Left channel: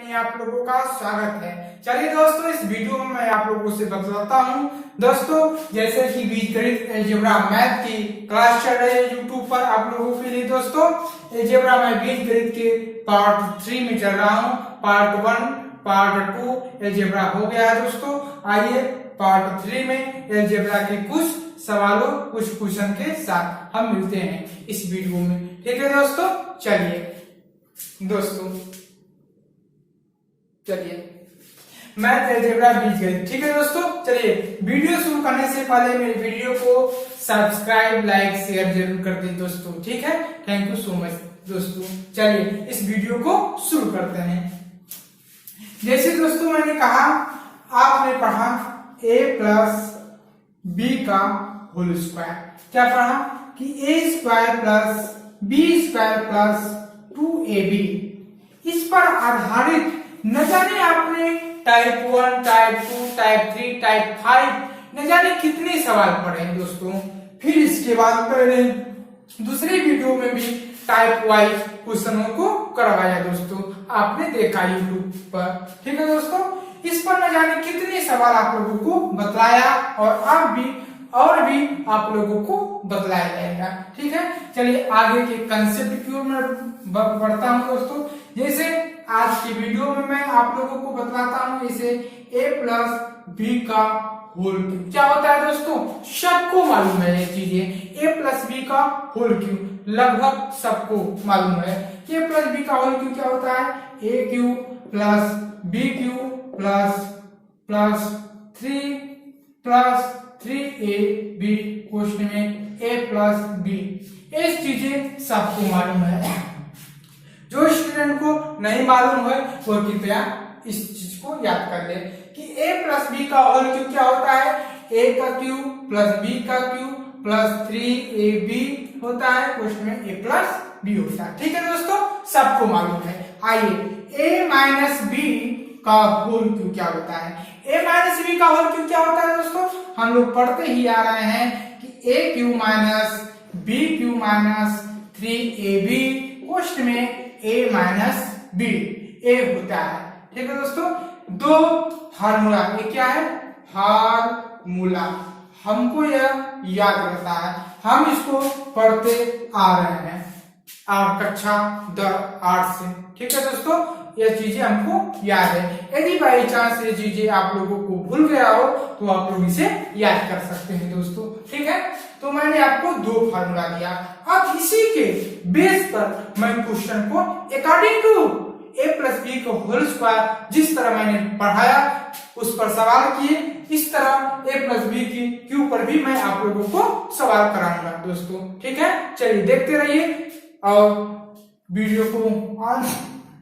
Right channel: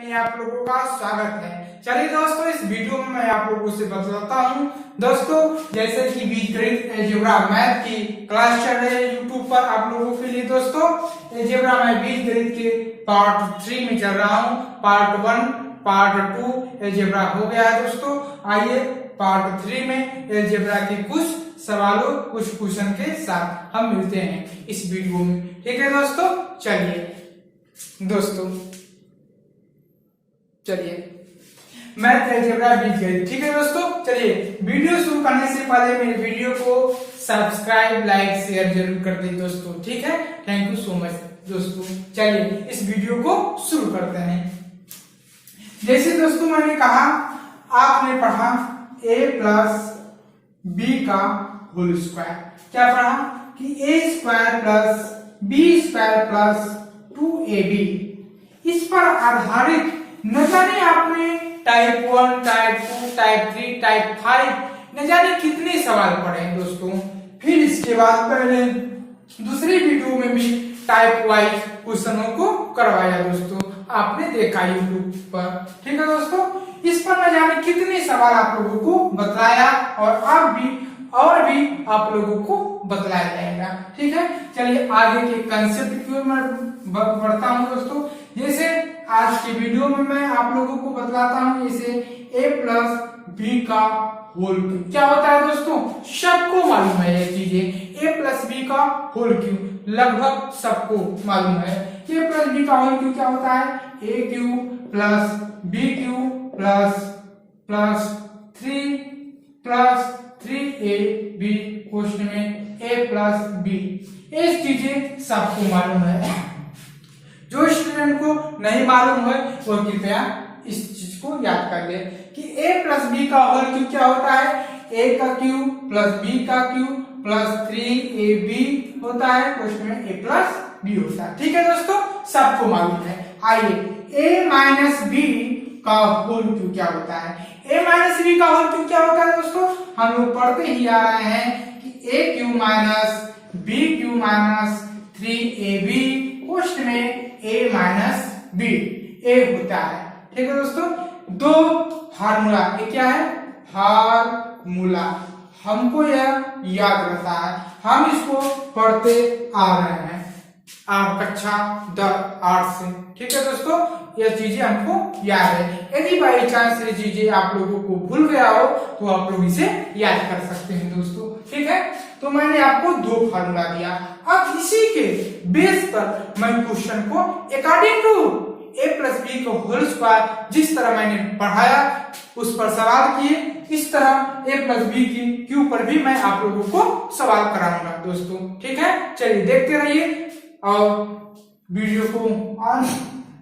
में आप लोगों का स्वागत है। चलिए दोस्तों, इस वीडियो में मैं आप लोगों से बतलाता हूँ दोस्तों, जैसे कि बीजगणित अलजेब्रा मैथ की क्लास चल रही है यूट्यूब पर आप लोगों के लिए। दोस्तों अलजेब्रा मैं बीजगणित के पार्ट 3 में चल रहा हूँ। पार्ट 1 पार्ट 2 अलजेब्रा हो गया है दोस्तों। आइए पार्ट 3 में अलजेब्रा के कुछ सवालों कुछ क्वेश्चन के साथ हम मिलते हैं इस वीडियो में। ठीक है दोस्तों, चलिए मैथ अलजेब्रा बीजगणित। ठीक है दोस्तों, चलिए वीडियो शुरू करने से पहले मेरे वीडियो को सब्सक्राइब लाइक शेयर जरूर कर दें दोस्तों। ठीक है, थैंक यू सो मच दोस्तों। चलिए इस वीडियो को शुरू करते हैं। जैसे दोस्तों मैंने कहा, आपने पढ़ा a प्लस बी का होल स्क्वायर। क्या पढ़ा कि a square plus B square plus 2ab। इस पर आधारित न जाने आपने टाइप 1 टाइप 2 टाइप 3 टाइप 5 न जाने कितने सवाल पढ़े हैं दोस्तों। फिर इसके बाद पहले दूसरी वीडियो में भी टाइप वाइज क्वेश्चनों को करवाया दोस्तों, आपने देखा यूट्यूब पर। ठीक है दोस्तों, इस पर न जाने कितने सवाल आप लोगों को बतलाया और अब भी आप लोगों को बतलाया जाएगा। ठीक है, चलिए आगे के कंसेप्ट की ओर मैं बढ़ता हूँ दोस्तों। जैसे आज की वीडियो में मैं आप लोगों को बतलाता हूँ, जैसे a प्लस बी का होल क्यूब क्या होता है दोस्तों, सबको मालूम है ये चीजें। a प्लस बी का होल क्यूब लगभग सबको मालूम है। a प्लस बी का होल क्यूब क्या होता है, a cube plus B cube plus 3a B question में a प्लस बी। ये चीजें सबको मालूम है। जो स्टूडेंट को नहीं मालूम है वो कृपया इस चीज को याद कर ले कि a प्लस बी का होल क्यूब क्या होता है, a का क्यूब प्लस b का क्यूब प्लस 3ab होता है, क्वेश्चन में a प्लस b होता है। ठीक है दोस्तों, सबको मालूम है। आइए a माइनस बी का होल क्यूब क्या होता है। a माइनस बी का होल क्यूब क्या होता है दोस्तों, हम लोग पढ़ते ही आ रहे हैं कि a cube minus B cube minus 3ab question में a माइनस बी a होता है। ठीक है दोस्तों, दो फार्मूला, ये क्या है फार्मूला, हमको यह याद रहता है, हम इसको पढ़ते आ रहे हैं कक्षा 8 से। ठीक है दोस्तों, यह चीजें हमको याद है। यदि बाई चांस ये चीजें आप लोगों को भूल गया हो तो आप लोग इसे याद कर सकते हैं दोस्तों। ठीक है, तो मैंने आपको दो फार्मूला दिया। अब इसी के बेस पर मैं क्वेश्चन को according to a plus B को होल स्क्वायर जिस तरह मैंने पढ़ाया उस पर सवाल किए, इस तरह a प्लस बी के ऊपर भी मैं आप लोगों को सवाल कराऊंगा दोस्तों। ठीक है, चलिए देखते रहिए और वीडियो को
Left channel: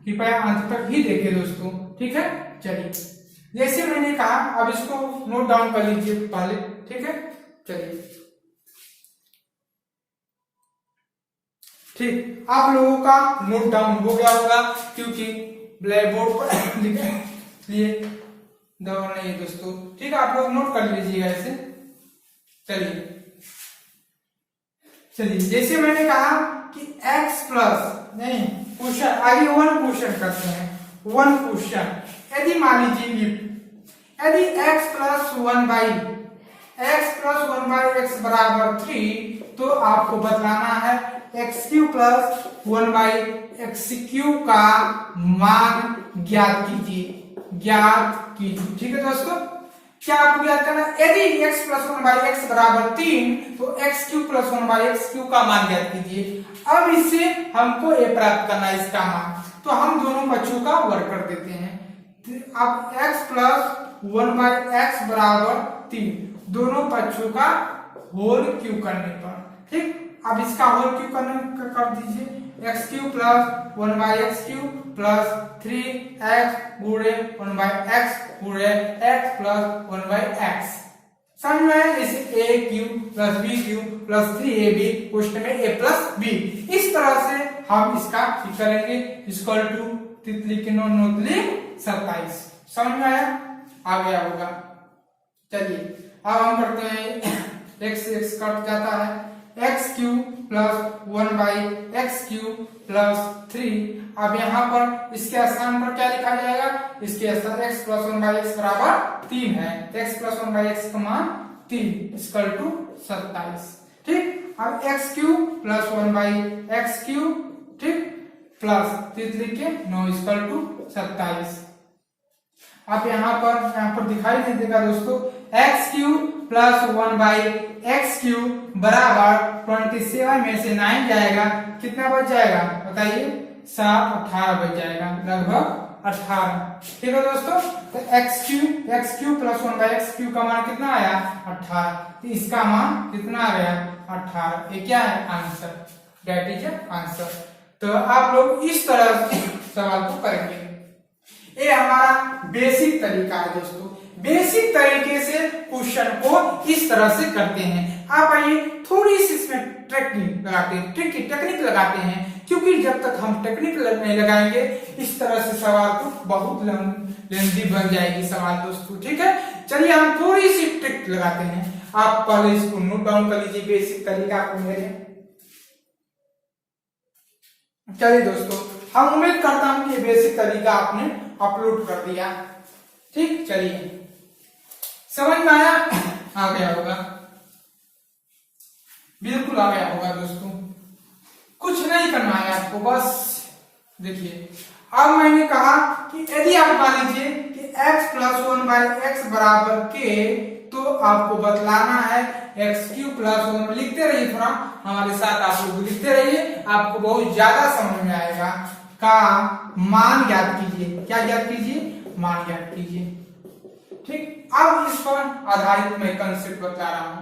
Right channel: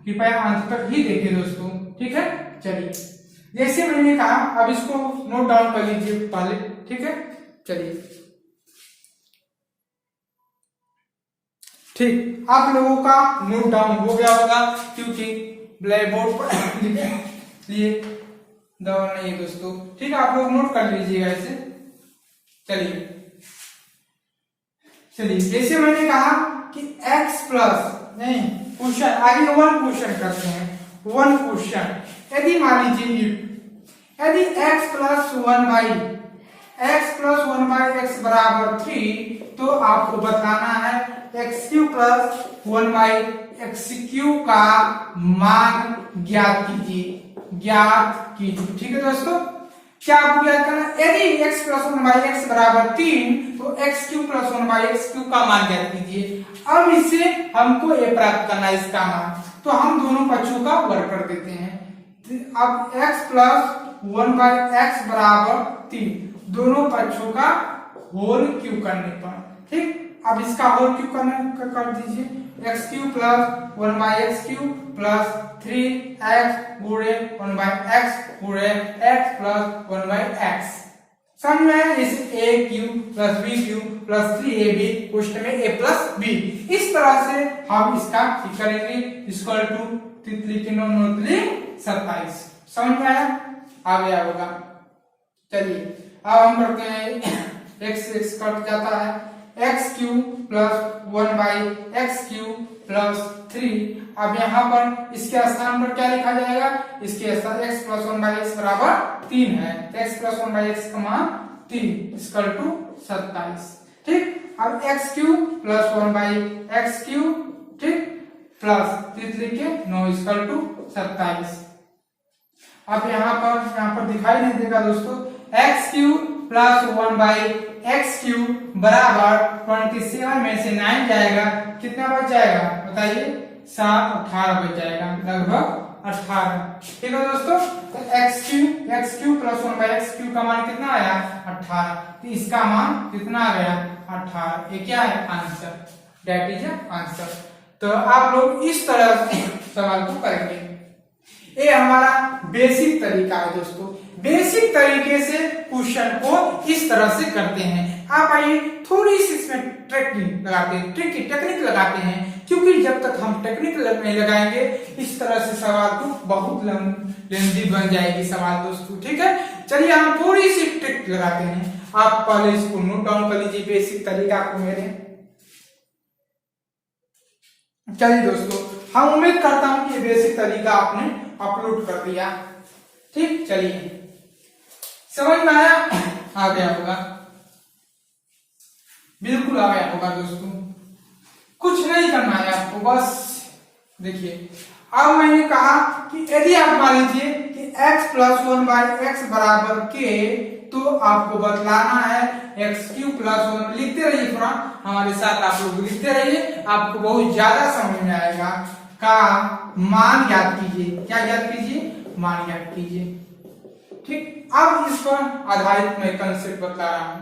कृपया अंत तक ही देखिए दोस्तों। ठीक है, चलिए जैसे मैंने कहा, अब इसको नोट डाउन कर लीजिए पहले। ठीक है, चलिए ठीक, आप लोगों का नोट डाउन हो गया होगा क्योंकि ब्लैक बोर्ड पर लिए दवा नहीं है दोस्तों। ठीक है, आप लोग नोट कर लीजिएगा इसे। चलिए जैसे मैंने कहा कि x प्लस नहीं क्वेश्चन, आगे 1 क्वेश्चन करते हैं। 1 क्वेश्चन, यदि मान लीजिए यदि x प्लस 1/x बराबर 3, तो आपको बताना है x cube plus 1/x cube का मान ज्ञात कीजिए। ठीक है दोस्तों, क्या आपको याद करना, यदि x प्लस 1/x बराबर 3 तो x cube plus 1/x cube का मान ज्ञात कीजिए। अब इसे हमको a प्राप्त करना है, इसका मान, तो हम दोनों बच्चों का वर्ग कर देते हैं। अब x प्लस 1/x बराबर 3 दोनों बच्चों का होल क्यूब करने पर, ठीक, अब इसका होल क्यूब कर दीजिए। x cube plus 1/x cube plus 3x गुणे 1/x गुणे x प्लस 1/x। समझ में, इस a cube plus b cube plus 3ab question में a प्लस b। इस तरह से हम इसका करेंगे, इक्वल टू तितली की नोतली 27। समझ में आ गया होगा। चलिए अब हम करते हैं, x कट जाता है, x cube plus 1/x cube plus 3। अब यहाँ पर इसके स्थान पर क्या लिखा जाएगा, इसके साथ x प्लस 1/x बराबर 3 है, तो x प्लस 1/x का मान 3 इक्वल टू 27। ठीक, अब x cube plus 1/x cube, ठीक, प्लस 3 लिखे 9 इक्वल टू 27। अब यहाँ पर दिखाई नहीं देगा दोस्तों, x cube plus 1/x cube बराबर 27 में से 9 जाएगा, कितना बच जाएगा बताइए, 7 18 बच जाएगा, लगभग 18। ठीक है दोस्तों, तो x cube plus 1/x cube का मान कितना आया 18, तो इसका मान कितना आ गया 18। ये क्या है आंसर, दैट इज आंसर। तो आप लोग इस तरह से सवाल को करेंगे। ये हमारा बेसिक तरीका है दोस्तों, बेसिक तरीके से क्वेश्चन को इस तरह से करते हैं। आप आइए थोड़ी सी इसमें टेक्निक लगाते हैं, क्योंकि जब तक हम टेक्निक नहीं लगाएंगे इस तरह से सवाल तो बहुत लेंथी बन जाएगी सवाल दोस्तों। ठीक है, चलिए हम थोड़ी सी ट्रिक लगाते हैं। आप पहले इसको नोट डाउन कर लीजिए, बेसिक तरीका आपको मेरे। चलिए दोस्तों, हम उम्मीद करता हूं कि ये बेसिक तरीका आपने अपलोड कर दिया। ठीक, चलिए समझ में आया, आ गया होगा, बिल्कुल आ गया होगा दोस्तों। कुछ नहीं करना है आपको, बस देखिए। अब मैंने कहा कि यदि आप मान लीजिए कि x प्लस 1/x बराबर k, तो आपको बतलाना है x क्यूब प्लस 1, लिखते रहिए थोड़ा हमारे साथ, आप लोग लिखते रहिए, आपको बहुत ज्यादा समझ में आएगा। का मान ज्ञात कीजिए, क्या ज्ञात कीजिए, मान ज्ञात कीजिए। ठीक, अब इस पर आधारित मैं कंसेप्ट बता रहा हूं।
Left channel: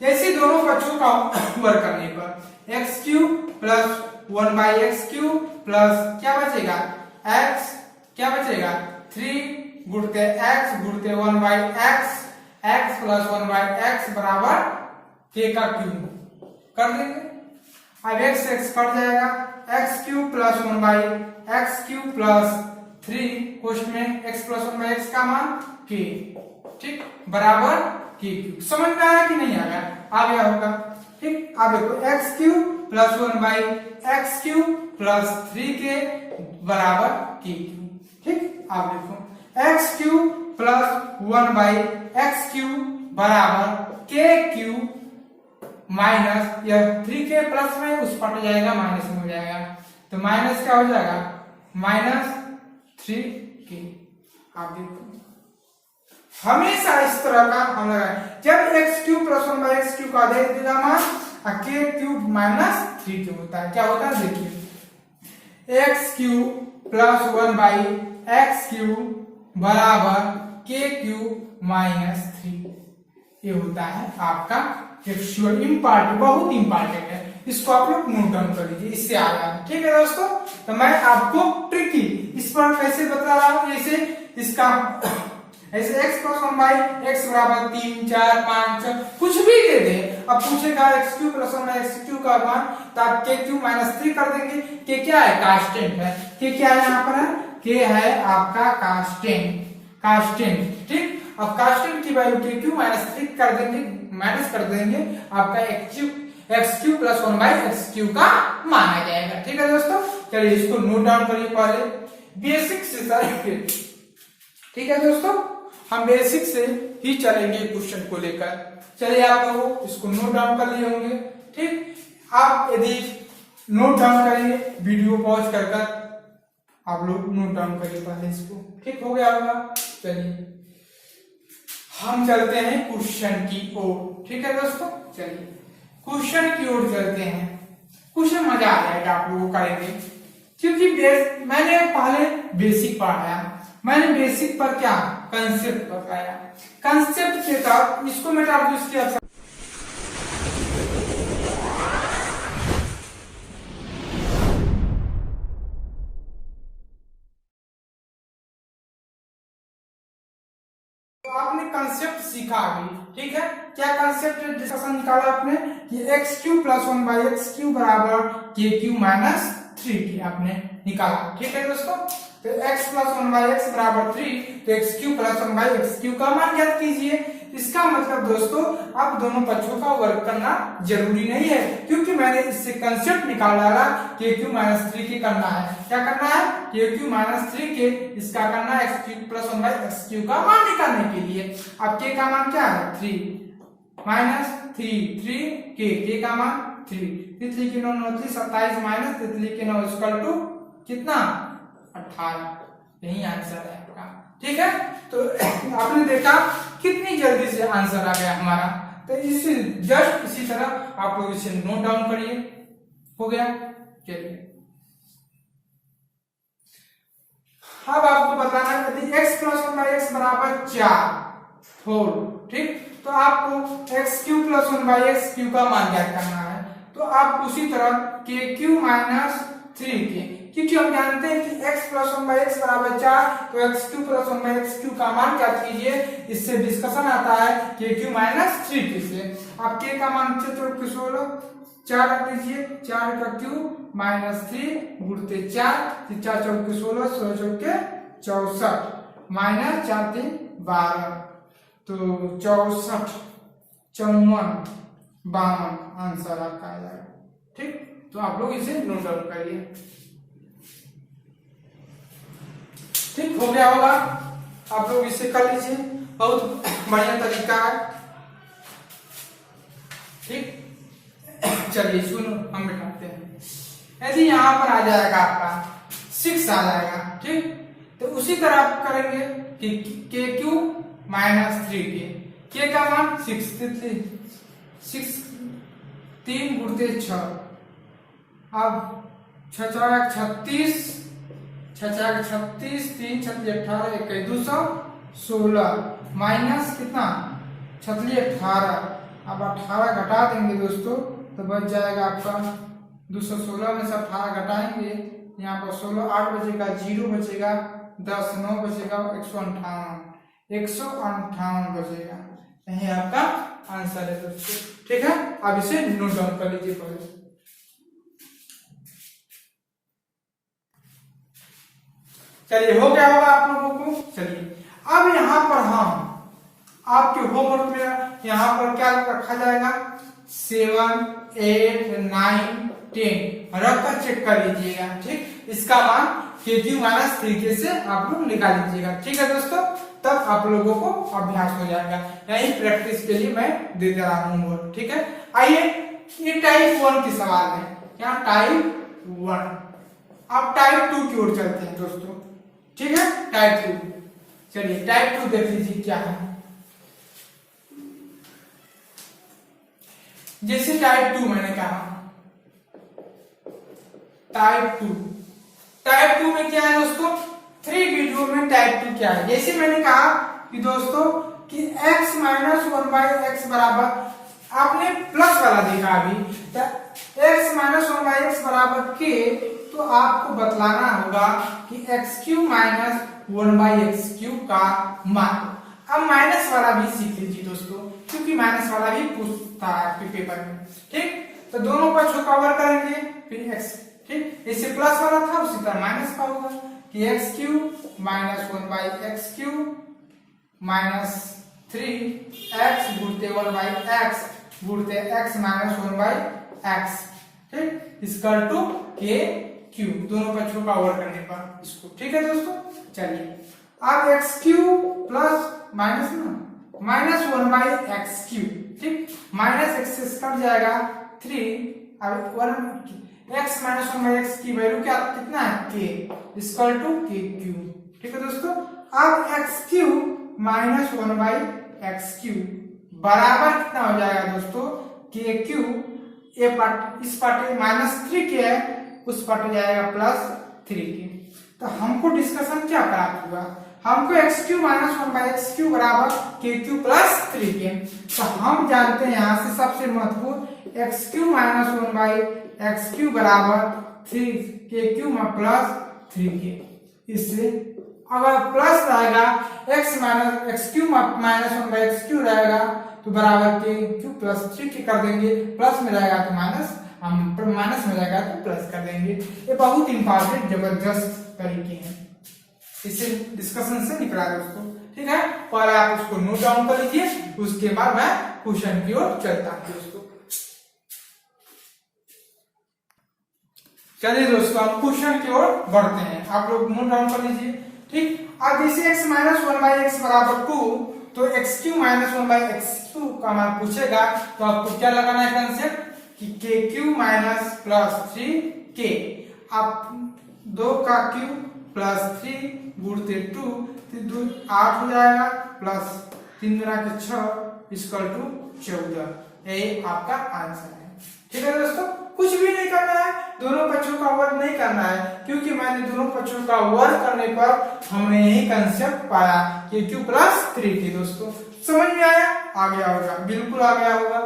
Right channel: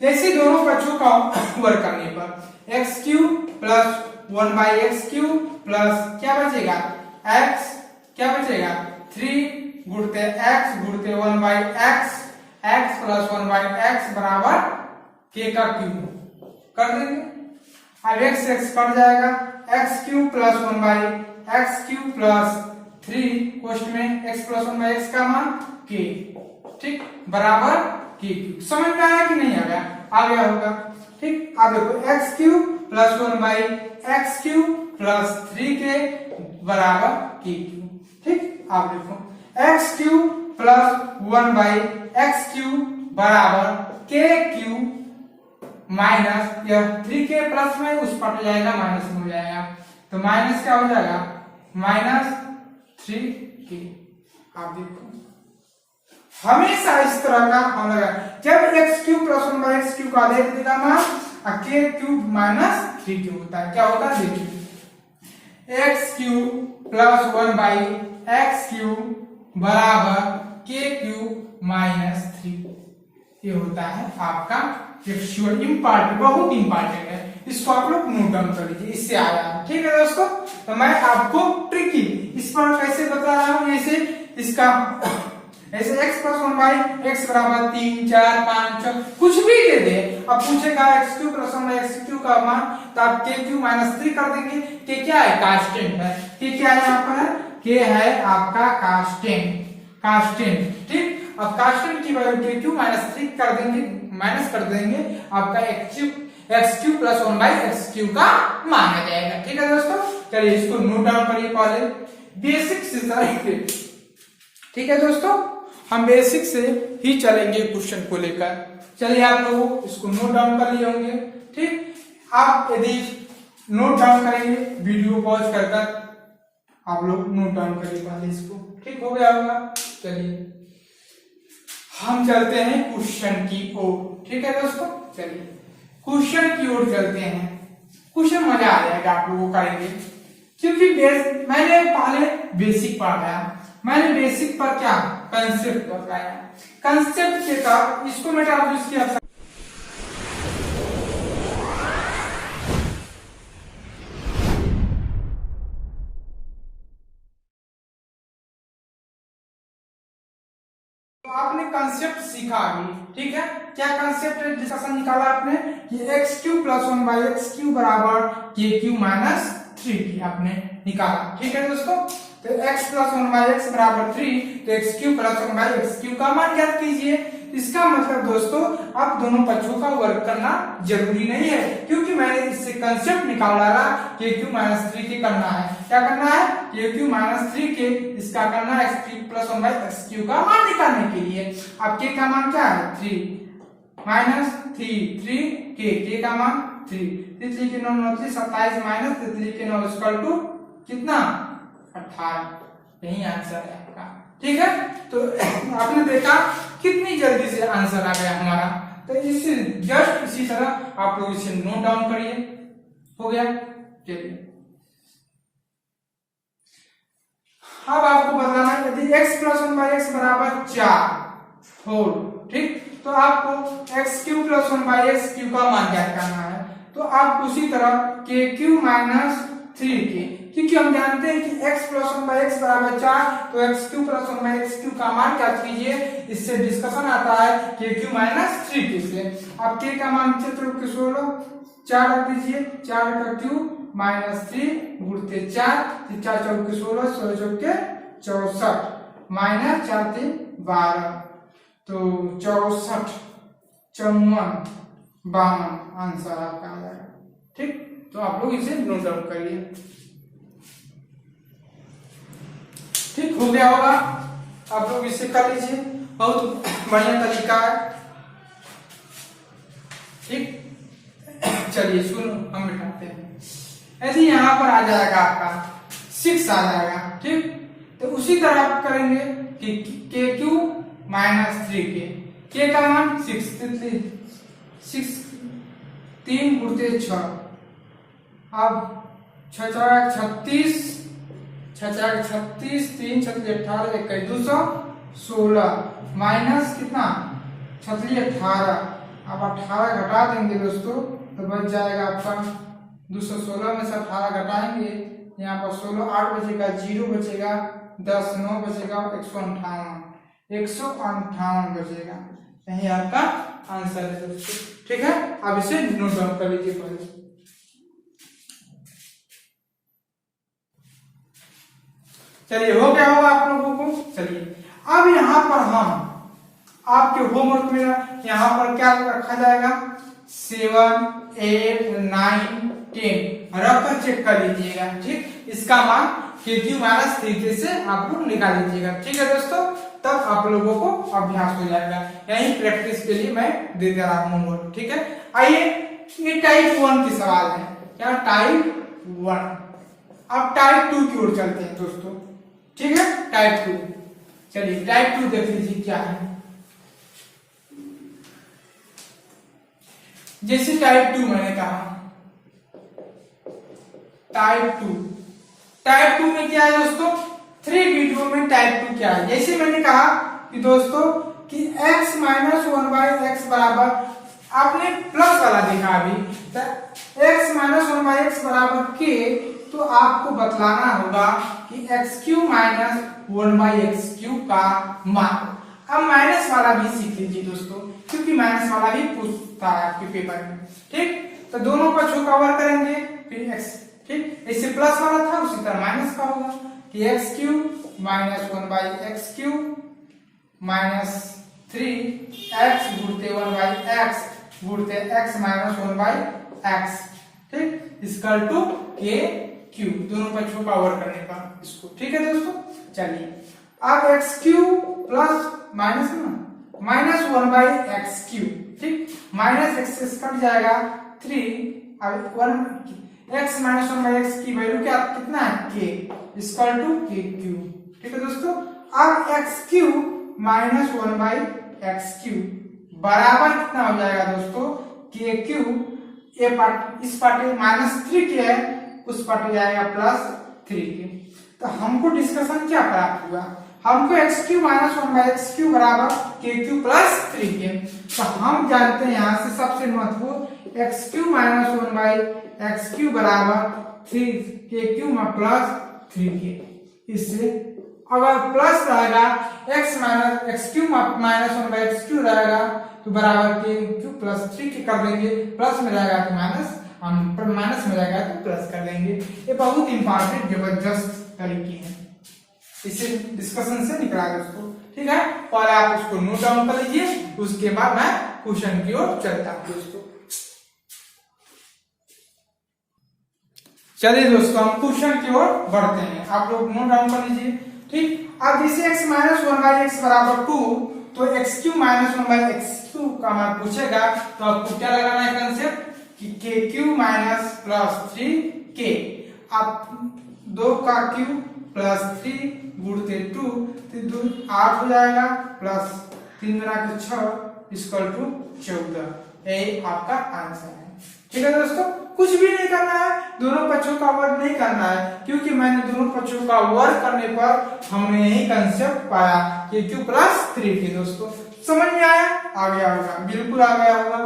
जैसे दोनों बच्चों का वर्क करने पर x cube plus 1/x cube plus क्या बचेगा x, क्या बचेगा 3 गुणते x गुणते 1/x, x plus 1/x बराबर k का क्यूब कर देंगे। अब x कट जाएगा, x cube plus 1/x cube plus 3 कोष्ठ में x प्लस 1/x का मान k, ठीक, बराबर k क्यूब। समझ में आया कि नहीं आ गया, आ गया होगा। ठीक, अब देखो x cube plus 1/x cube plus 3k बराबर k क्यूब। ठीक, आप देखो x cube plus 1/x cube बराबर k क्यूब माइनस यह 3k प्लस में उस पट जाएगा, माइनस में हो जाएगा, तो माइनस क्या हो जाएगा -3k। आप देखो हमेशा इस तरह का होगा, जब x cube plus 1/x cube का आधे दिया मान k क्यूब माइनस 3k होता है, क्या होता है देखिए, x cube plus 1/x cube बराबर k क्यूब माइनस 3, ये होता है आपका एक्चुअल इम्पॉर्टेंट, बहुत इंपॉर्टेंट है, इसको आप लोग नोट डाउन कर लीजिए, इससे आया है। ठीक है दोस्तों, तो मैं आपको ट्रिकी इस पर कैसे बता रहा हूं, जैसे इसका ऐसे x प्लस 1/x बराबर 3 4 5 6 कुछ भी दे दे। अब पूछेगा x cube plus 1/x cube का मान, तो आप k क्यूब माइनस 3 कर देंगे। k क्या है, कांस्टेंट है, k क्या है यहाँ पर है, k है आपका कांस्टेंट। ठीक, अब कांस्टेंट की वैल्यू k क्यूब माइनस 3 कर देंगे, माइनस कर देंगे, आपका x cube plus 1/x cube का मान आ जाएगा। ठीक है दोस्तों, चलिए इसको नोट डाउन करिए पहले, बेसिक से करेंगे। ठीक है दोस्तों, हम बेसिक से ही चलेंगे क्वेश्चन को लेकर। चलिए आप लोग इसको नोट डाउन कर लिए होंगे। ठीक, आप यदि नोट डाउन करेंगे वीडियो पॉज कर आप लोग नोट डाउन करिए पहले इसको। ठीक हो गया होगा, चलिए हम चलते हैं क्वेश्चन की ओर। ठीक है दोस्तों, चलिए क्वेश्चन की ओर चलते हैं। क्वेश्चन मजा आ जाएगा आप लोगों को करेंगे, क्योंकि मैंने पहले बेसिक पढ़ाया, मैंने बेसिक पर क्या कंसेप्ट बताया, कंसेप्ट के तहत इसको मैं आप इसकी आपने कंसेप्ट सीखा अभी। ठीक है, क्या कंसेप्ट डिस्कशन निकाला आपने कि x cube plus 1/x cube बराबर k क्यूब माइनस 3t आपने निकाला। ठीक है दोस्तों, तो x प्लस 1/x बराबर 3, तो x cube plus 1/x cube का मान ज्ञात कीजिए। इसका मतलब दोस्तों अब दोनों पक्षों का वर्क करना जरूरी नहीं है, क्योंकि मैंने इससे कंसेप्ट निकाल डाला k क्यूब माइनस 3t करना है। क्या करना है, के क्यू माइनस 3k इसका करना है x cube plus 1 by x Q का मान निकालने के लिए। अब के का मान क्या है 3 माइनस 3 के का मान 3 3 के 9 27 माइनस 3 के 9 इक्वल टू कितना 18। यही आंसर है आपका। ठीक है, तो आपने देखा कितनी जल्दी से आंसर आ गया हमारा। तो इसी जस्ट इसी तरह आप लोग इसे नोट डाउन करिए। हो गया, चलिए अब आपको बताना है यदि x प्लस 1 बाई एक्स बराबर 4 होल, ठीक, तो आपको x cube plus 1 by x Q का मान ज्ञात करना है। तो आप उसी तरह के क्यू माइनस 3k, क्योंकि हम जानते हैं कि x प्लस 1 बाई एक्स बराबर 4, तो x cube plus 1 by x Q का मान ज्ञात कीजिए। इससे डिस्कशन आता है के क्यू माइनस 3k से। आप के का मान 16 4 रख दीजिए, 4 का क्यूब माइनस 3 गुणते 4 4 चौके 16 16 चौके 64 माइनस 4 3 12, तो 64 54 52 आंसर आपका आ जाएगा। ठीक, तो आप लोग इसे नोट डाउन करिए। ठीक हो गया होगा, आप लोग इसे कर लीजिए, बहुत बढ़िया तरीका है। ठीक, चलिए सुनो हम बिठाते हैं। ऐसे यहाँ पर आ जाएगा आपका 6 आ जाएगा। ठीक, तो उसी तरह आप करेंगे कि के क्यू माइनस 3k, के का मान 6 3 गुणते 6, अब 6 36 36 3 18 21 216 माइनस कितना 18, अब 18 घटा देंगे दोस्तों तो बच जाएगा आपका 216 में से 18 घटाएंगे, यहाँ पर 16 8 बचेगा, 0 बचेगा, 10 9 बचेगा, 158 बचेगा। यही आपका आंसर है दोस्तों। ठीक है, अब इसे नोट डाउन कर लीजिए पहले। चलिए हो गया होगा आप लोगों को। चलिए अब यहाँ पर हम आपके होमवर्क में यहाँ पर क्या रखा जाएगा 7 8 9 10 रख कर चेक कर लीजिएगा। ठीक, इसका मान के क्यू माइनस 3k से आप लोग निकाल लीजिएगा। ठीक है दोस्तों, तब आप लोगों को अभ्यास हो जाएगा। यही प्रैक्टिस के लिए मैं दे दे रहा हूँ होमवर्क। ठीक है, आइए ये टाइप 1 की सवाल है। क्या टाइप 1। अब टाइप 2 की ओर चलते हैं दोस्तों। ठीक है, टाइप 2। चलिए टाइप 2 देख लीजिए क्या है। जैसे टाइप 2 मैंने कहा टाइप 2 में क्या है दोस्तों, 3 वीडियो में टाइप 2 क्या है। जैसे मैंने कहा कि दोस्तों कि x माइनस 1 बाई एक्स बराबर, आपने प्लस वाला देखा अभी, तो x माइनस 1 बाई एक्स बराबर k, तो आपको बतलाना होगा कि x q minus 1 by x Q का मान। अब माइनस वाला भी सीख लीजिए दोस्तों, क्योंकि माइनस वाला भी पूछता है आपके पेपर में। ठीक, तो दोनों पर कवर करेंगे, फिर x। ठीक, इससे प्लस वाला था उसी तरह माइनस का होगा कि x q minus 1 by x q minus 3x गुणते 1 बाई एक्स गुणते x माइनस 1 बाई एक्स। ठीक, इसकल टू के क्यू, दोनों पर पावर करने पर इसको। ठीक है दोस्तों, चलिए अब एक्स क्यू प्लस माइनस ना माइनस 1 बाई एक्स क्यू। ठीक, माइनस एक्स कट जाएगा 3, अब 1 x माइनस 1 बाई एक्स की वैल्यू क्या कितना है k इक्वल टू के क्यू। ठीक है दोस्तों, अब x q minus 1 by x cube बराबर कितना हो जाएगा दोस्तों के क्यू, ये पार्ट इस पार्ट माइनस 3k है, उस पार्ट जाएगा प्लस 3k। तो हमको डिस्कशन क्या प्राप्त हुआ, हमको x q minus 1 by x cube बराबर के क्यू प्लस 3k। तो हम जानते हैं यहाँ से सबसे महत्वपूर्ण x q minus 1 by x cube बराबर 3 के क्यू में प्लस 3k। इससे अगर प्लस रहेगा x q minus 1 by x Q रहेगा तो बराबर के क्यू प्लस 3k कर देंगे, प्लस में रहेगा तो माइनस, हम माइनस में रहेगा तो प्लस कर देंगे। ये बहुत इंपॉर्टेंट जबरदस्त तरीके हैं, इसे डिस्कशन से निकला दोस्तों। ठीक है, पहले आप उसको नोट डाउन कर लीजिए, उसके बाद मैं क्वेश्चन की ओर चलता हूं दोस्तों। चलिए दोस्तों हम क्वेश्चन की ओर बढ़ते हैं, आप लोग नोट डाउन कर लीजिए। ठीक, अब जैसे x minus one by x बराबर 2, तो x q minus one by x Q का मान पूछेगा तो आपको क्या लगाना है कंसेप्ट कि के क्यू माइनस प्लस 3k। आप 2 का क्यू प्लस 3 गुणते 2 तो 8 हो जाएगा, प्लस 3 गुना के 6 इक्वल टू 14। यही आपका आंसर है। ठीक है दोस्तों, कुछ भी नहीं करना है, दोनों पक्षों का वर्ग नहीं करना है, क्योंकि मैंने दोनों पक्षों का वर्ग करने पर हमने यही कंसेप्ट पाया कि क्यू प्लस 3k। दोस्तों समझ में आया? आ गया होगा, बिल्कुल आ गया होगा।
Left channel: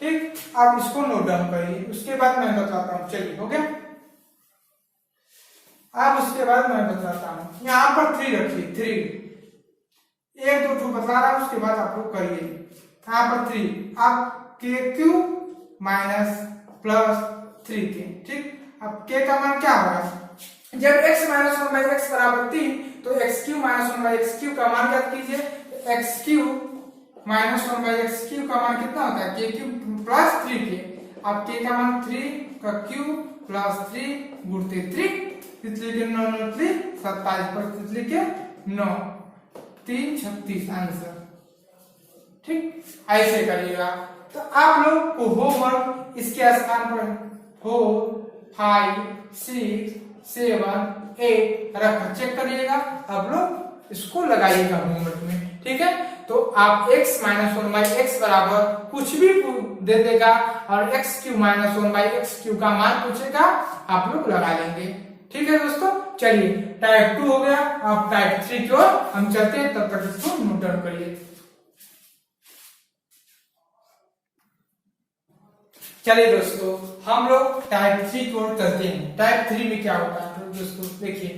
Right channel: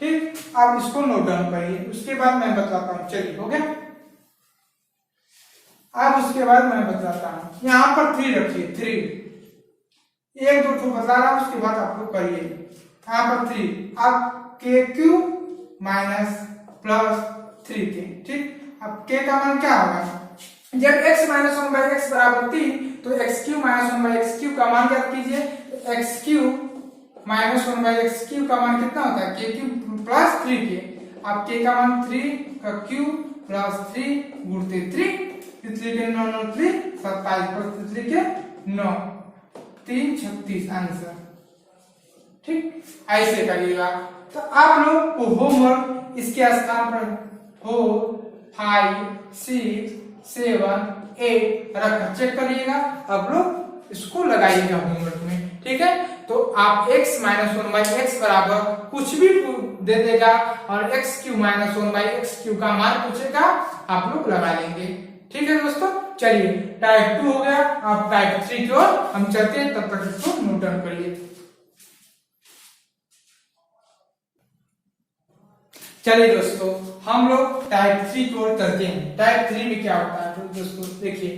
ठीक, आप इसको नोट डाउन करिए, उसके बाद मैं बताता हूँ। चलिए ओके, आप उसके बाद मैं बताता हूँ। यहाँ पर 3 रखिए, 3 एक दो ठो बता रहा है, उसके बाद आप लोग करिए। यहाँ पर 3, आप के क्यू माइनस प्लस 3k। ठीक, अब k का मान क्या होगा? जब x minus one by x बराबर 3, तो x q minus one by x Q का मान क्या कीजिए, x q minus one by x Q का मान कितना होता है, के क्यू प्लस 3k। अब k का मान 3 का क्यू प्लस 3 गुणते 3, तितली के 9 9 3 27 पर तितली के 9 3 36 आंसर। ठीक, ऐसे करिएगा। तो आप लोग को होमवर्क इसके स्थान पर 4 5 6 7 8 रख चेक करिएगा, अब लोग इसको लगाइएगा होमवर्क में। ठीक है, तो आप x minus one by x बराबर कुछ भी दे देगा और x q minus one by x Q का मान पूछेगा, आप लोग लगा लेंगे। ठीक है दोस्तों, चलिए टाइप 2 हो गया, अब टाइप 3 की ओर हम चलते हैं, तब तक इसको नोट डाउन करिए। चलिए दोस्तों, हम लोग टाइप 3 की ओर चलते हैं। टाइप 3 में क्या होता है तो दोस्तों देखिए,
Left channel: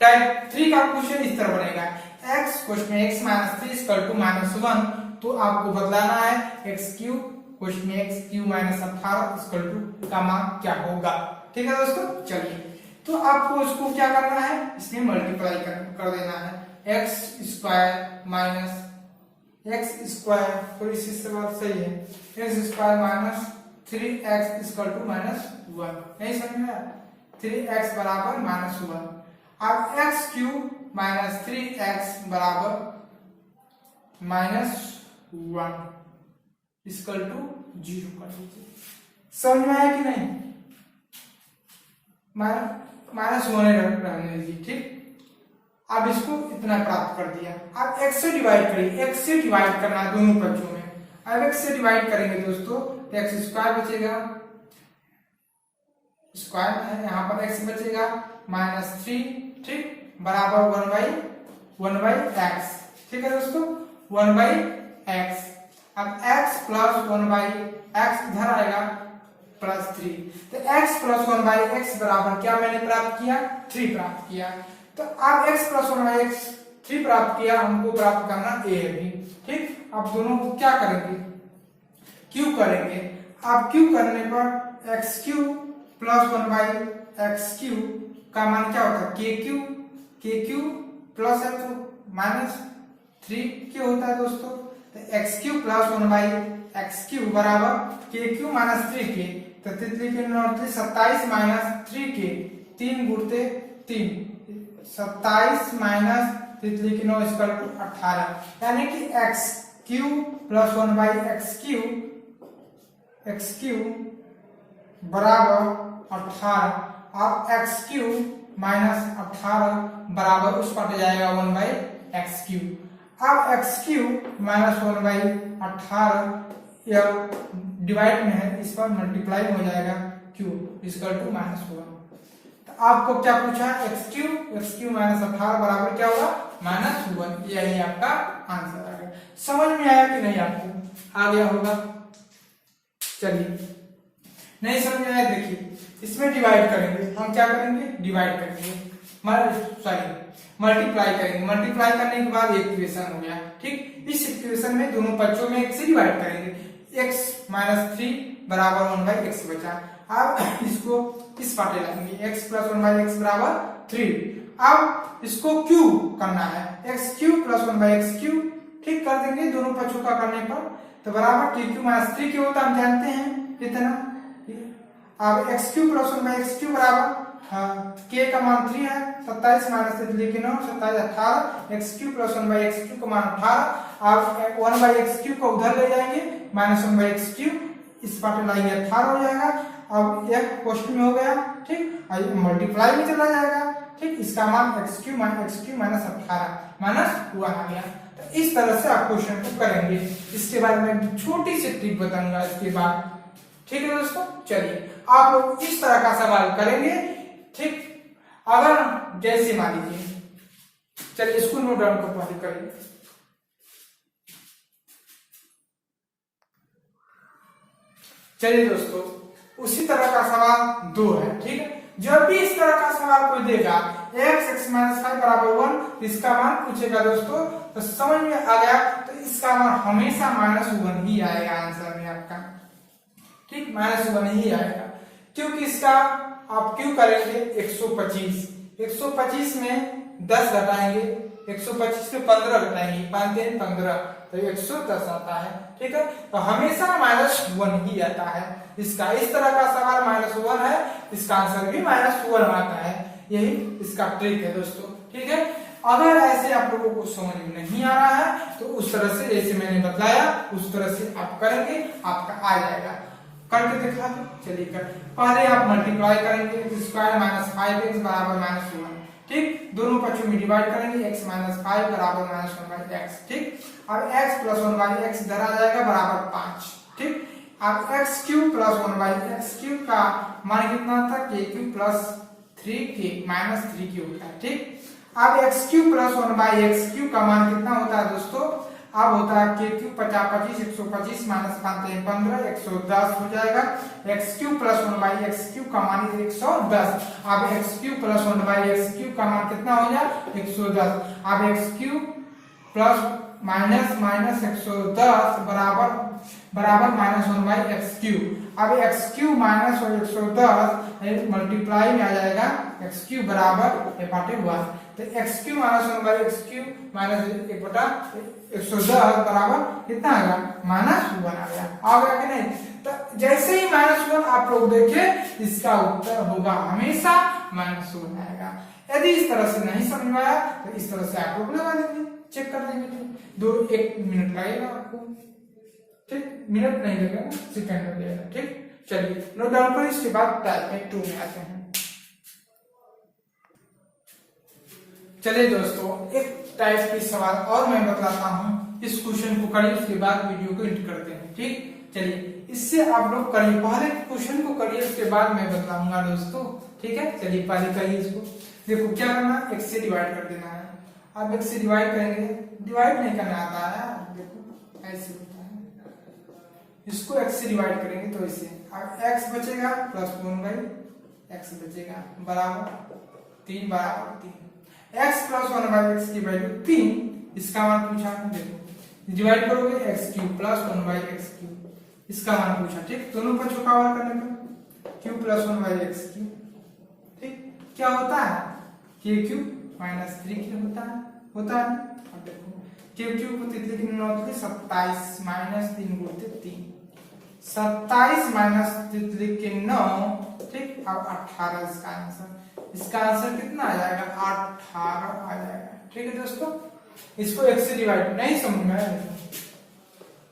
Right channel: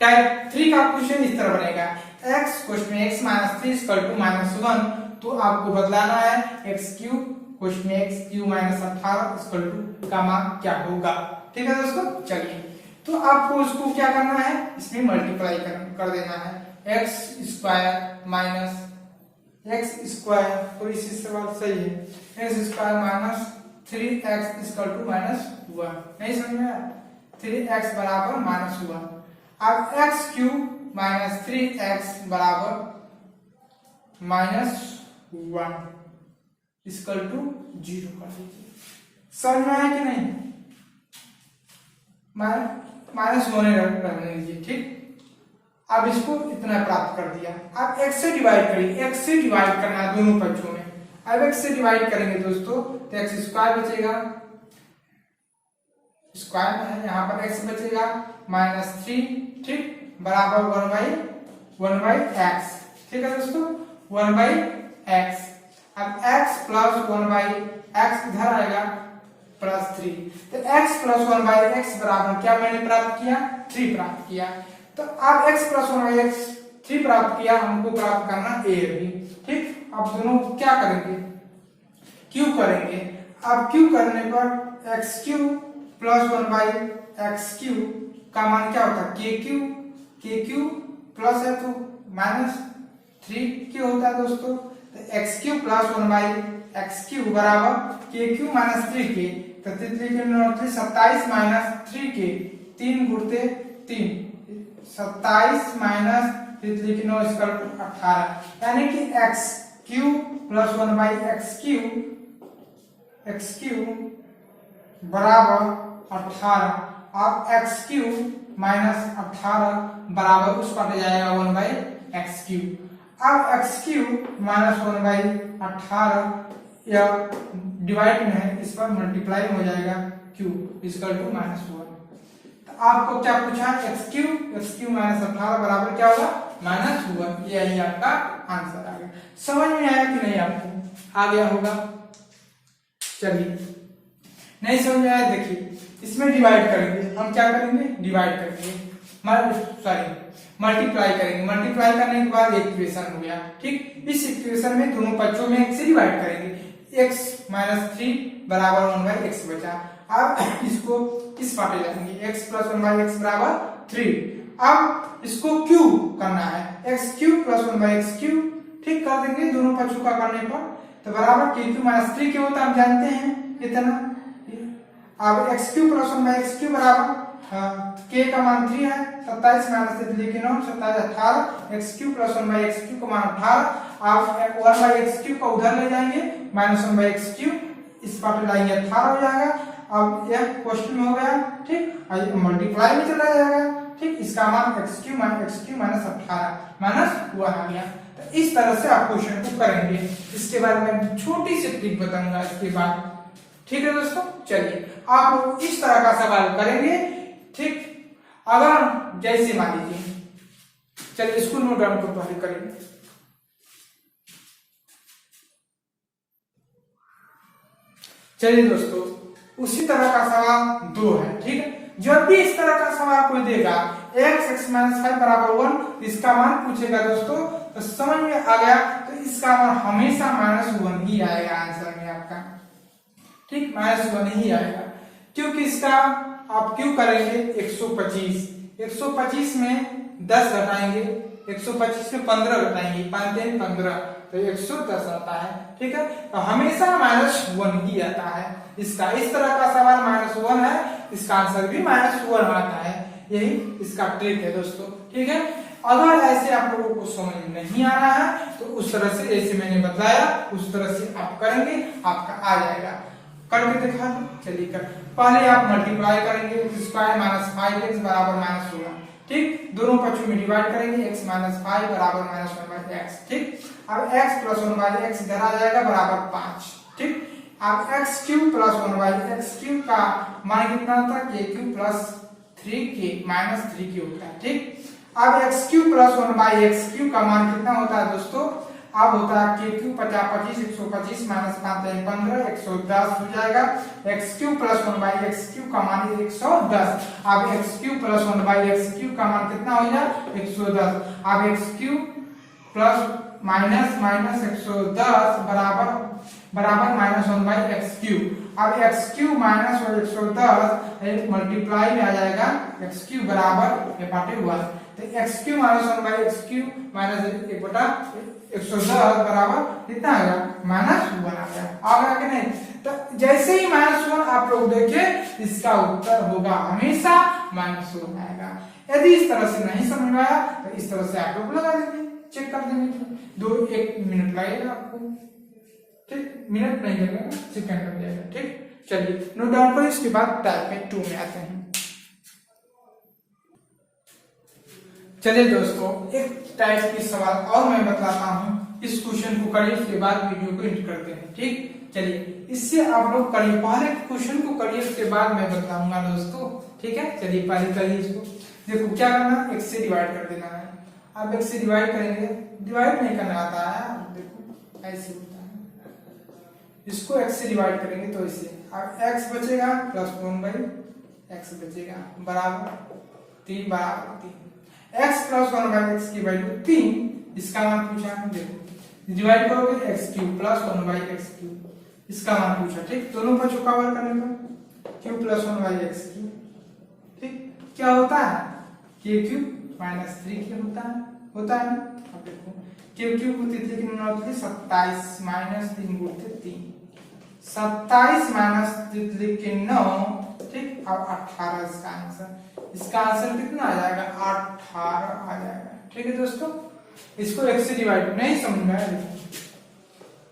टाइप 3 का क्वेश्चन इस तरह बनेगा, x क्वेश्चन में x minus 3 equal to minus 1, तो आपको बदलाना है x क्यू क्वेश्चन में x cube minus 18 equal to का मान क्या होगा। ठीक है दोस्तों, चलिए तो आपको इसको क्या करना है, इसमें मल्टीप्लाई कर देना है, x square minus x square, तो इसी सवाल सही है, x square minus 3x equal to minus 1। नहीं समझ में आया? 3x बराबर माइनस 1। अब x क्यूब माइनस 3x बराबर माइनस 1 इक्वल टू 0 कर लीजिए। समझ में आया कि नहीं? माइनस 1 रहने दीजिए। ठीक, अब इसको इतना प्राप्त कर दिया, अब x से डिवाइड करिए, x से डिवाइड करना है दोनों पक्षों में। अब x से डिवाइड करेंगे दोस्तों तो x स्क्वायर बचेगा, स्क्वायर है यहाँ पर x बचेगा माइनस 3, ठीक, बराबर 1 बाई एक्स। ठीक है दोस्तों, 1 बाई एक्स। अब x प्लस 1 बाई एक्स इधर आएगा प्लस 3, तो x प्लस 1 बाई एक्स बराबर क्या मैंने प्राप्त किया, 3 प्राप्त किया। तो अब x प्लस 1 बाई एक्स 3 प्राप्त किया, हमको प्राप्त करना a भी। ठीक, अब दोनों को क्या करेंगे, क्यू करेंगे। अब क्यू करने पर x cube plus 1 by x Q का मान क्या होता है, के क्यू प्लस है तो माइनस 3k होता है दोस्तों। तो x cube plus 1 by x cube बराबर के क्यू माइनस 3k, तो 27 माइनस 3k, 3 गुणते 3 27 माइनस 9 इक्वल टू 18, यानी कि x cube plus 1 by x cube बराबर 18। अब एक्स क्यू माइनस 18 बराबर उस पर जाएगा 1 बाई एक्स क्यू। अब एक्स क्यू माइनस 1 बाई 18 या डिवाइड में है, इस पर मल्टीप्लाई हो जाएगा क्यू इक्वल टू माइनस 1। तो आपको क्या पूछा, एक्स क्यू माइनस 18 बराबर क्या होगा, माइनस 1। यही आपका आंसर आ गया। समझ में आया कि नहीं आपको? आ गया होगा। चलिए, नहीं समझ में आया, देखिए इसमें डिवाइड करेंगे, हम क्या करेंगे, डिवाइड करेंगे, मल्टीप्लाई करेंगे। मल्टीप्लाई करने के बाद एक इक्वेशन हो गया। ठीक, इस इक्वेशन में दोनों पक्षों में x से डिवाइड करेंगे, x माइनस 3 बराबर 1 बाई एक्स बचा। अब इसको इस पार्ट लेंगे, x प्लस 1 बाई एक्स बराबर 3। अब इसको क्यू करना है, x cube plus 1 by x Q. ठीक, कर देंगे दोनों पक्षों का करने पर, तो बराबर के क्यू माइनस 3 क्या होता है हम जानते हैं इतना। अब x cube plus 1 by x cube बराबर k का मान 3 है, 27 minus 3 3 9 27 18 x cube plus 1 by x cube का मान 18। आप 1 बाई एक्स क्यूब को उधर ले जाएंगे, माइनस 1 बाई एक्स क्यूब इस पार्ट लाएंगे 18 हो जाएगा। अब यह क्वेश्चन में हो गया, ठीक, और मल्टीप्लाई में चला जाएगा, ठीक, इसका मान x क्यूब माइनस 18 माइनस 1 आ गया। तो इस तरह से आप क्वेश्चन को करेंगे। इसके बाद मैं छोटी सी ट्रिक बताऊंगा इसके बाद, ठीक है दोस्तों। चलिए आप लोग इस तरह का सवाल करेंगे, ठीक, अगर जैसे मान लीजिए, चलिए इसको नोट डाउन को पहले करेंगे। चलिए दोस्तों, उसी तरह का सवाल 2 है, ठीक है। जब भी इस तरह का सवाल कोई देगा x माइनस 5 बराबर 1, इसका मान पूछेगा दोस्तों, तो समझ में आ गया, तो इसका मान हमेशा -1 ही आएगा आंसर में आपका, ठीक, -1 ही आएगा। क्योंकि इसका आप क्यों करेंगे 125 में 10 घटाएंगे, 125 में 15 घटाएंगे, 5 दिन 15 तो 110 आता है, ठीक है। तो हमेशा -1 ही आता है इसका। इस तरह का सवाल -1 है, इसका आंसर भी -1 आता है। यही इसका ट्रिक है दोस्तों, ठीक है। अगर ऐसे आप लोगों को समझ में नहीं आ रहा है तो उस तरह से जैसे मैंने बताया उस तरह से आप करेंगे, आपका आ जाएगा। करके दिखा दो, चलिए कर। पहले आप मल्टीप्लाई करेंगे, स्क्वायर माइनस 5x बराबर -1, ठीक, दोनों पक्षों में डिवाइड करेंगे, x माइनस 5 बराबर -1 बाई x, ठीक। अब x प्लस 1 बाई x इधर आ जाएगा बराबर 5, ठीक। अब x cube plus 1 by x cube का मान कितना था, k cube plus 3k minus 3k होता है, ठीक। अब x cube plus 1 by x cube का मान कितना होता है दोस्तों, अब होता है k क्यूब 50 125 माइनस 5 15 110 हो जाएगा। x cube plus 1 by x cube का मान 110। अब x cube plus 1 by x cube का मान कितना हो जाए 110। अब x cube plus minus minus 110 बराबर -1 बाई एक्स क्यूब। अब एक्स क्यूब माइनस 110 मल्टीप्लाई में आ जाएगा, एक्स क्यूब बराबर 1, तो x cube minus 1 by x cube minus 1/110 बराबर कितना आएगा -1 आ गया। आ गया कि नहीं। तो जैसे ही -1 आप लोग देखें, इसका उत्तर होगा हमेशा -1 आएगा। यदि इस तरह से नहीं समझ में आया तो इस तरह से आप लोग लगा देंगे, चेक कर देंगे। 1 मिनट लगेगा आपको, ठीक, मिनट नहीं लगेगा, सेकंड लग जाएगा, ठीक। चलिए नोट डाउन करो, इसके बाद टाइप 2 में आते हैं। चलिए दोस्तों, एक टाइप की सवाल और मैं बताता हूँ, इस क्वेश्चन को करिए, उसके बाद वीडियो को एंड करते हैं, ठीक। चलिए इससे आप लोग करिए, पहले क्वेश्चन को करिए, उसके बाद मैं बताऊंगा दोस्तों, ठीक है। चलिए पहले करिए इसको। देखो क्या करना, x से डिवाइड कर देना है। अब x से डिवाइड करेंगे, डिवाइड नहीं करना आता है, देखो ऐसे होता है। इसको x से डिवाइड करेंगे तो इसे, अब x बचेगा प्लस 1 बाई x बचेगा बराबर 3 बराबर 3। x प्लस 1 बाई x की वैल्यू 3, इसका मान पूछा, देखो डिवाइड करोगे x cube plus 1 by x cube, इसका मान पूछा, ठीक। दोनों पर चौकावार करने पर cube plus 1 by x cube, ठीक। क्या होता है k क्यूब माइनस 3k होता है अब देखो k क्यूब को 3 की 9 27 माइनस 3 गुणित 3, 27 माइनस 3 के 9, ठीक। अब 18 इसका आंसर, इसका आंसर कितना आ जाएगा 18 आ जाएगा, ठीक है दोस्तों। इसको x से डिवाइड नहीं समझ में आया,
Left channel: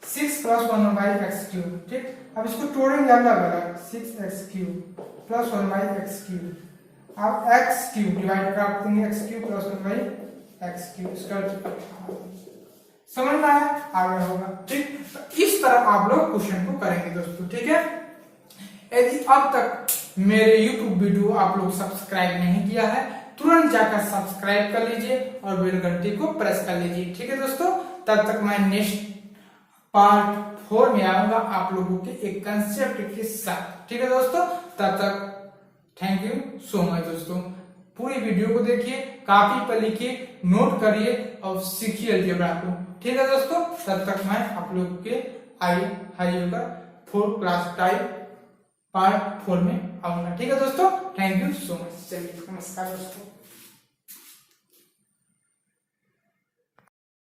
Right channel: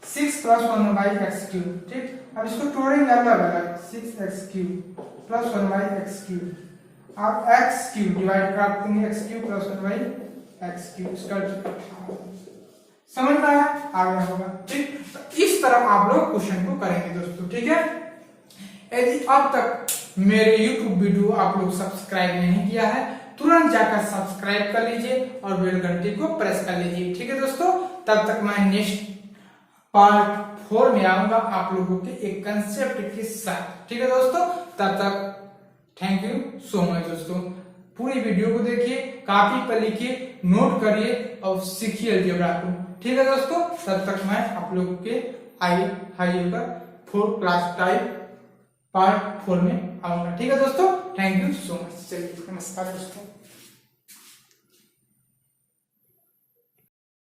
6 प्लस 1 बाई एक्स क्यूब, ठीक। अब इसको तोड़ेंगे अलग अलग, 6x cube plus 1 by x cube. अब x क्यूब डिवाइड कर देंगे, x cube plus 1 by x cube, इसका 18। समझ में आया, आ गया होगा, ठीक। तो इस तरह आप लोग क्वेश्चन को करेंगे दोस्तों, ठीक है। यदि अब तक मेरे YouTube वीडियो आप लोग सब्सक्राइब नहीं किया है, तुरंत जाकर सब्सक्राइब कर लीजिए और बेल घंटी को प्रेस कर लीजिए, ठीक है दोस्तों। तब तक मैं नेक्स्ट पार्ट 4 में आऊंगा आप लोगों के एक कंसेप्ट के साथ, ठीक है दोस्तों। तब तक थैंक यू सो मच दोस्तों। पूरी वीडियो को देखिए, कॉपी पर लिखिए, नोट करिए और सीखिए अलजेब्रा को, ठीक है दोस्तों। तब तक मैं आप लोगों के हाइएगा 4 क्लास टाइप पार्ट 4 में आऊंगा, ठीक है दोस्तों। Thank you so much. चलिए नमस्कार दोस्तों।